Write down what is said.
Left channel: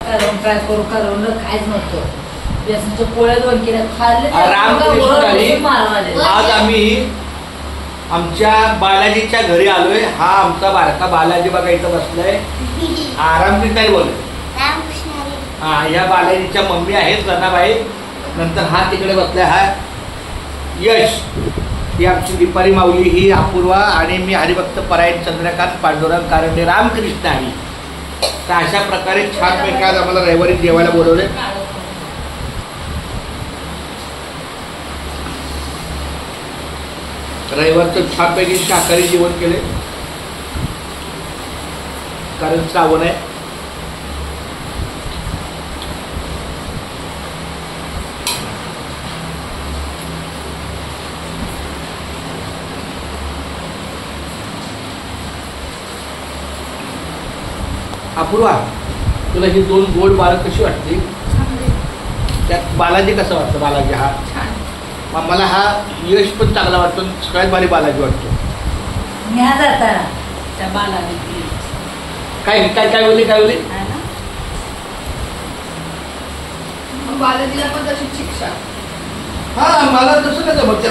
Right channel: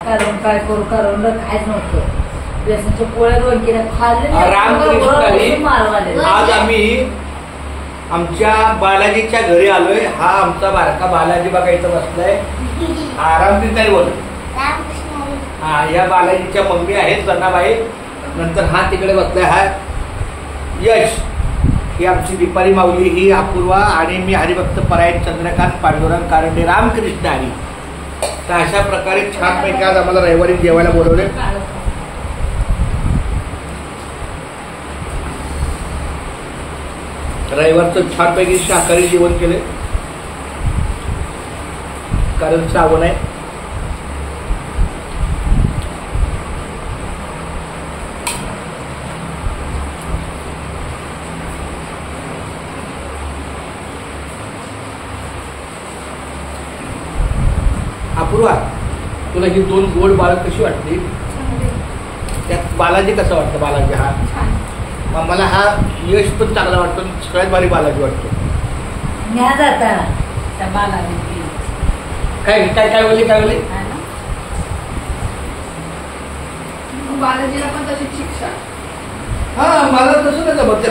काय करू करवंद खायच नव्हतं. बेसनचे पोळे 2 किलो खाल्ले. रामकृष्ण आज आम्ही आमच्या बालाजीच्या घरी आलोय. हा आमचा बारका बालाजी बघायचा बसलाय. रामकृष्ण बोल. हा या बालाजीच्या मम्मी आहेत जनाबाई. नंतर हा तिकडे बसलाय हा यश. ही आमची दीपाली माऊली, ही अपूर्वा आणि मी हरिभक्त परायण चंद्रकांत पांडुरंग कारंडे रामकृष्ण हरी. तर अशा प्रकारे छानपैकी आज आम्हाला रविवारी जेवायला बोलवले. रविवारचं छानपैकी शाकाहारी जेवण केले कारण श्रावण आहे. अपूर्वा, तुला ही 2 गोड बाळ कशी वाटते? त्यात बालाजी कसा वाटतं? बालाजी हा मला हा यश पण चांगला वाटतो. सगळ्यात भारी बालाजी वाटतो. काय काय काय बोलली काय बोलली? बालाजीला पण तशीच शिक्षा. हा मला तसं नाही जमत.